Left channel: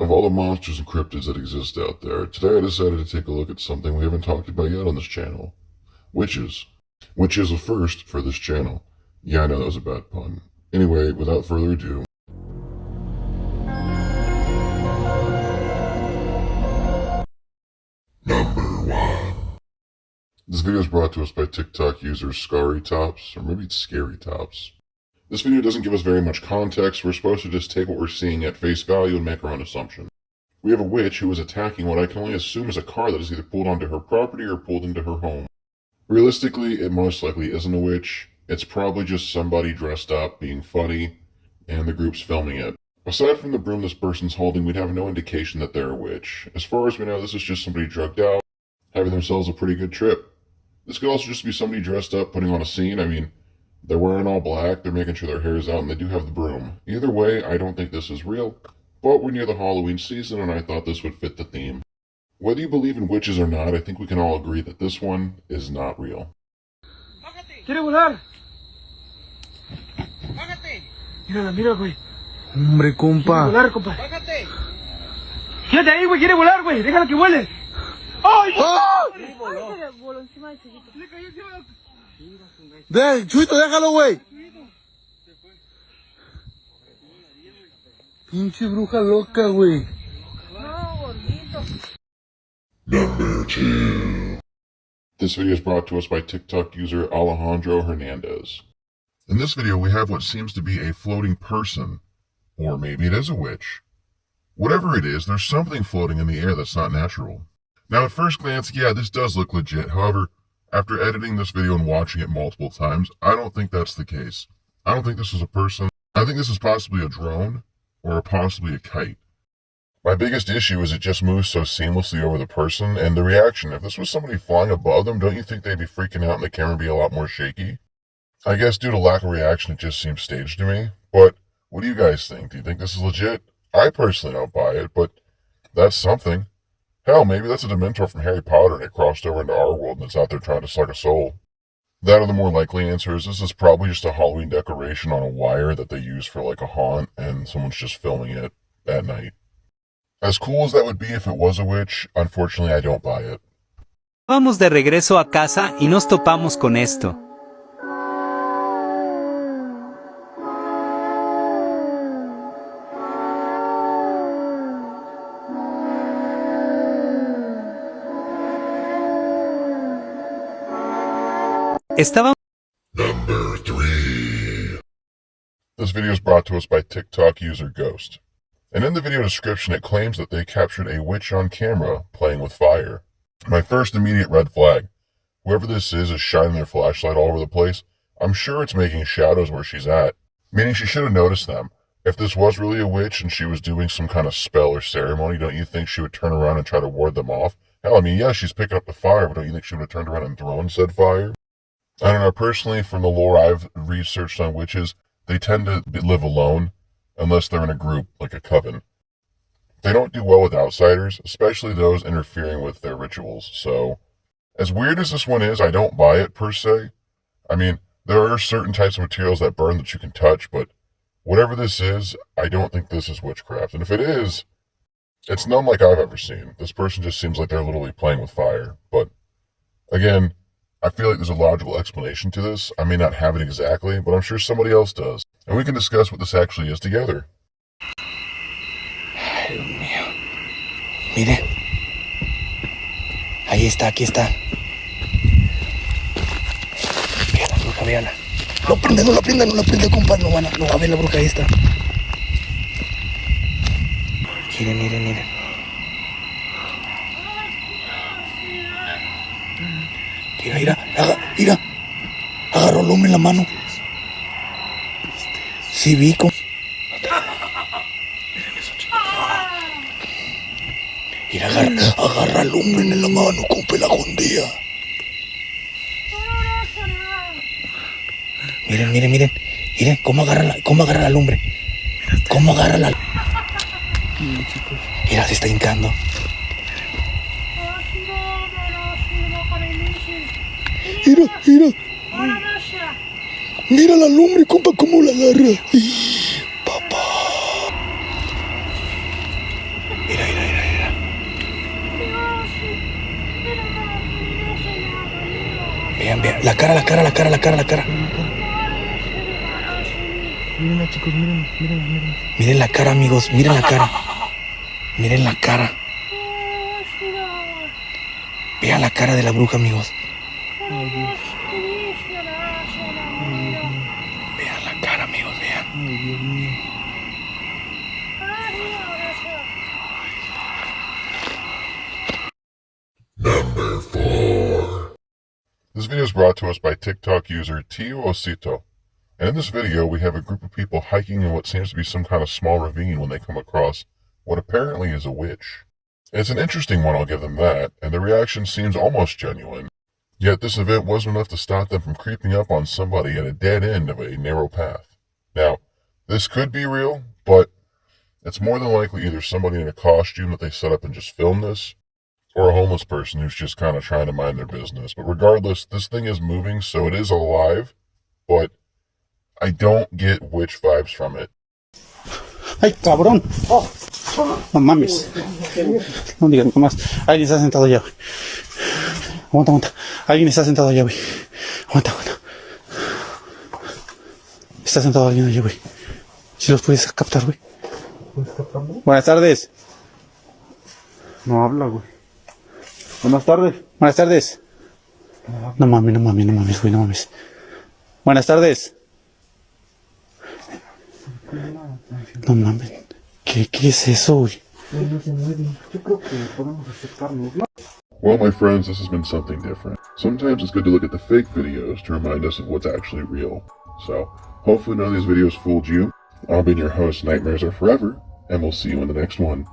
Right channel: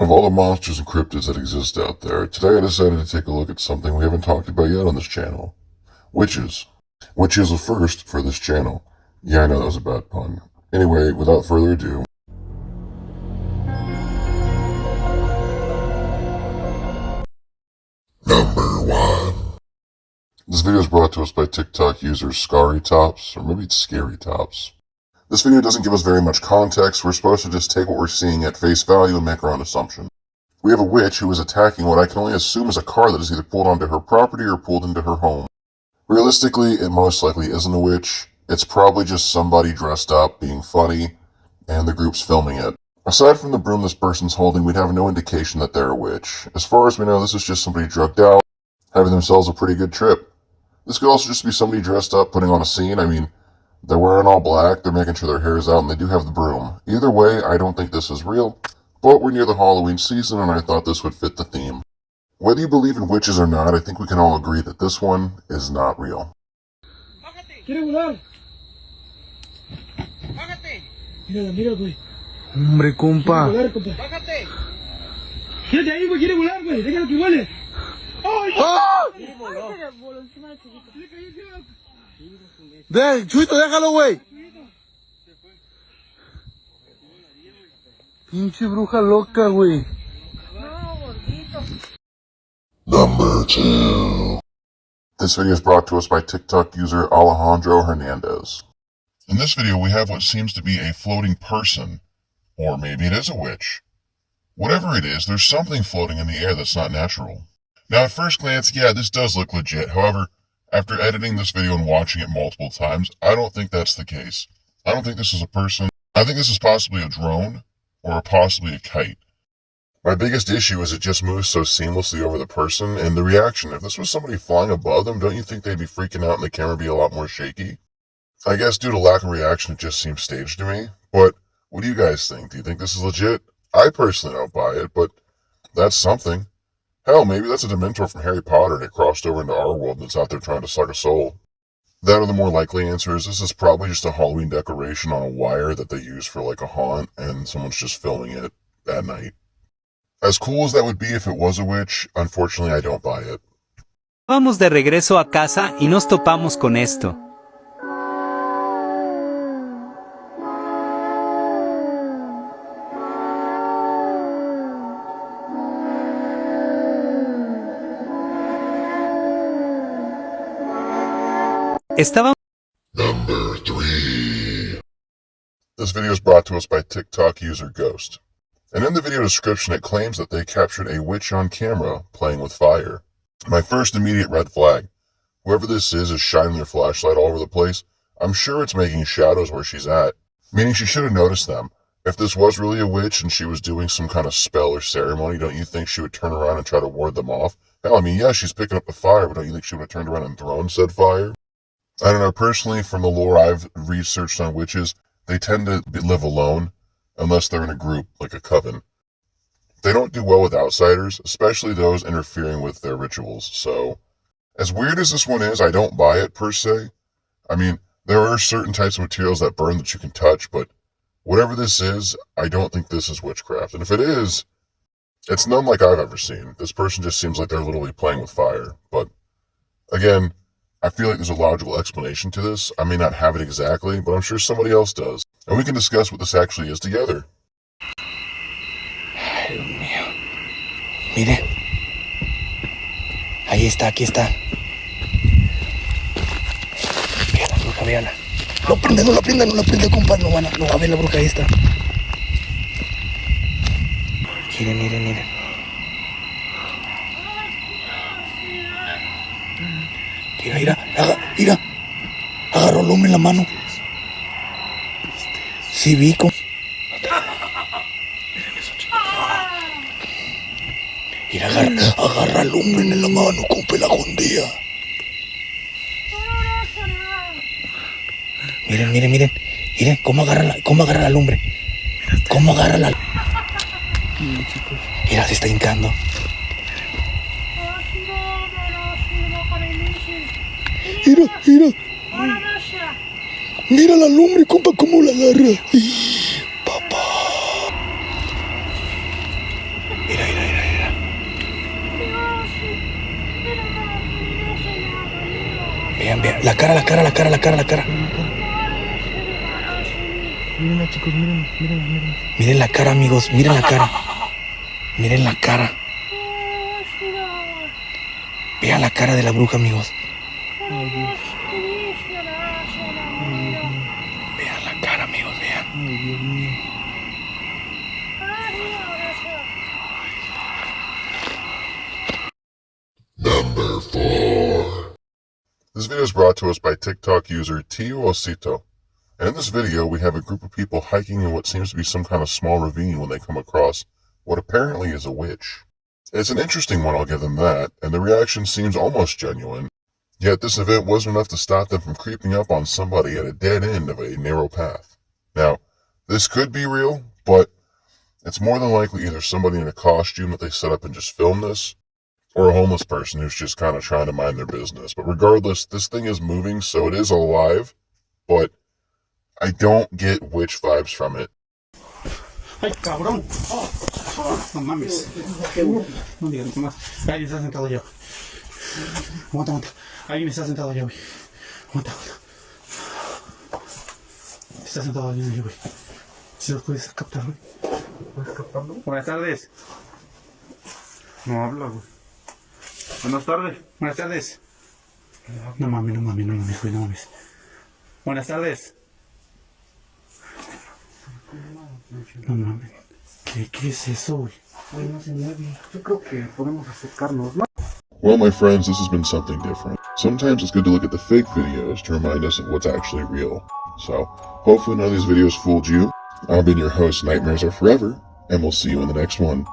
Of all the monsters and cryptids that exist out there, today I decided to take a look at something we haven't talked about yet on this channel. Witches. Which is a first for this channel. Yeah, I know that was a bad pun. Anyway, without further ado. Number 1. This video is brought to us by TikTok user ScaryTops, or maybe it's ScaryTops. This video doesn't give us very much context. We're supposed to just take what we're seeing at face value and make our own assumption. We have a witch who is attacking what I can only assume is a car that is either pulled onto her property or pulled into her home. Realistically, it most likely isn't a witch. It's probably just somebody dressed up, being funny, and the group's filming it. Aside from the broom this person's holding, we'd have no indication that they're a witch. As far as we know, this is just somebody drugged out, having themselves a pretty good trip. This could also just be somebody dressed up, putting on a scene. I mean, they're wearing all black, they're making sure their hair is out, and they do have the broom. Either way, I don't think this is real, but we're near the Halloween season, and I thought this would fit the theme. Whether you believe in witches or not, I think we can all agree that this one is not real. ¿Quiere volar? Bájate. Mírala, mira, güey. Hombre, compa. Quiere volar, compa. Bájate. Quédate ahí, güey. Quiere volar, güey. Déjala que vuele. ¡Ay! ¡Oh! Ay, se le voló encima del chiquito. Le cayó encima del... Chuito, déjalo, güey. Pinche bruja loca, güey. No, gordito. Number 2. This video is brought to us by TikTok user Alejandro Hernandez. In this video, we have what seems to be a floating person, or maybe it is a witch. Whatever it is, there's something floating in the air that's not natural. Now, at first glance, yeah, this does look legit. However, after editing this video and watching it multiple times, I don't think that's the case. I don't think this is a person. I think this is possibly a drone, or possibly a kite. My biggest issue is it just moves so seamlessly over the person, and the reaction. If this was somebody flying above them, don't you think they'd be freaking out and the camera would be a lot more shaky? I guess due to lack of reaction, it just seems staged to me. But what do you guys think? Do you think this is legit? I personally don't buy it, but that's something. Hell, maybe that's a Dementor from Harry Potter and it crossed over into our world and it's out there trying to suck a soul. That or the more likely answer is this is probably just a Halloween decoration on a wire that they use for like a haunt and someone's just filming it at night. As cool as that would be if it was a witch, unfortunately I don't buy it. Vamos de regreso a casa y nos topamos con esto. Estaba... Number 3. This video is brought to us by TikTok user Ghost. And in the video description, it claims that they captured a witch on camera playing with fire. My first immediate red flag. Whoever this is shining their flashlight all over the place. I'm sure it's making shadows where she's at. Meaning she should have noticed them. If this was really a witch and she was doing some kind of spell or ceremony, don't you think she would turn around and try to ward them off? Hell, I mean, yeah, she's picking up the fire, but don't you think she would have turned around and thrown said fire? I don't know, personally, from the lore I've researched on witches, they tend to live alone, unless they're in a group, like a coven. They don't do well with outsiders, especially those interfering with their rituals, so... As weird as this one is, I don't buy it, per se. I mean, there are certain types of materials that burn that you can touch, but whatever this is, I don't think this is witchcraft. And if it is, it's none like I've ever seen. This person just seems like they're literally playing with fire. But, again, I feel like there's a logical explanation to this. I may not have it exactly, but I'm sure somebody else does. And we can discuss what this actually is together. Ay, Dios mío. Mire. Ahí está, aquí está. Véala, bruja, véala. No prenda, no la prenda, no la prenda, compa. No va a ver la bruja, ahí está. Miren, miren, miren. Mira, mira. Agarró el hombre en la mano. Sí, vi como... Mira, agarra al hombre en la mano, compa, la jondea. Miren, miren, miren. Miren cómo agarra al hombre. Cómo agarra la... Mira, se está hincando. Mira, mira. Mira la lumbre, compa, cómo la agarra. Papá. vean. La cara. Miren, chicos, miren. Miren la cara, amigos. Miren la cara. Miren la cara. Vean la cara de la bruja, amigos. Vean la cara, amigos, vean. Number 4. This video is brought to us by TikTok user Tio Osito. And in this video, we have a group of people hiking in what seems to be some kind of small ravine when they come across what apparently is a witch. It's an interesting one, I'll give them that, and the reaction seems almost genuine. Yet this event wasn't enough to stop them from creeping up on somebody at a dead end of a narrow path. Now, this could be real, but it's more than likely either somebody in a costume that they set up and just filmed this, or a homeless person who's just kind of trying to mind their business. But regardless, this thing is moving, so it is alive, but I don't get witch vibes from it. ¡Ay, cabrón! No mames. No digas más. Alguien está sentado allá, güey. Aguanta. Alguien está sentado allá, güey. Aguanta. Está sentado alguien allá, güey. Si los puedes captar, güey. ¿Puedes captarlo? Buenas tardes. No habla, güey. Buenas tardes. No mames, güey, no mames. Buenas tardes. No mames. ¿Qué es eso, güey? Yo creo que podemos acercarnos. Well, my friends, this has been something different. Sometimes it's good to look at the fake videos to remind us of what's actually real. So, hopefully none of these videos fooled you. I've been your host, Nightmares Are Forever, and we'll see you in the next one.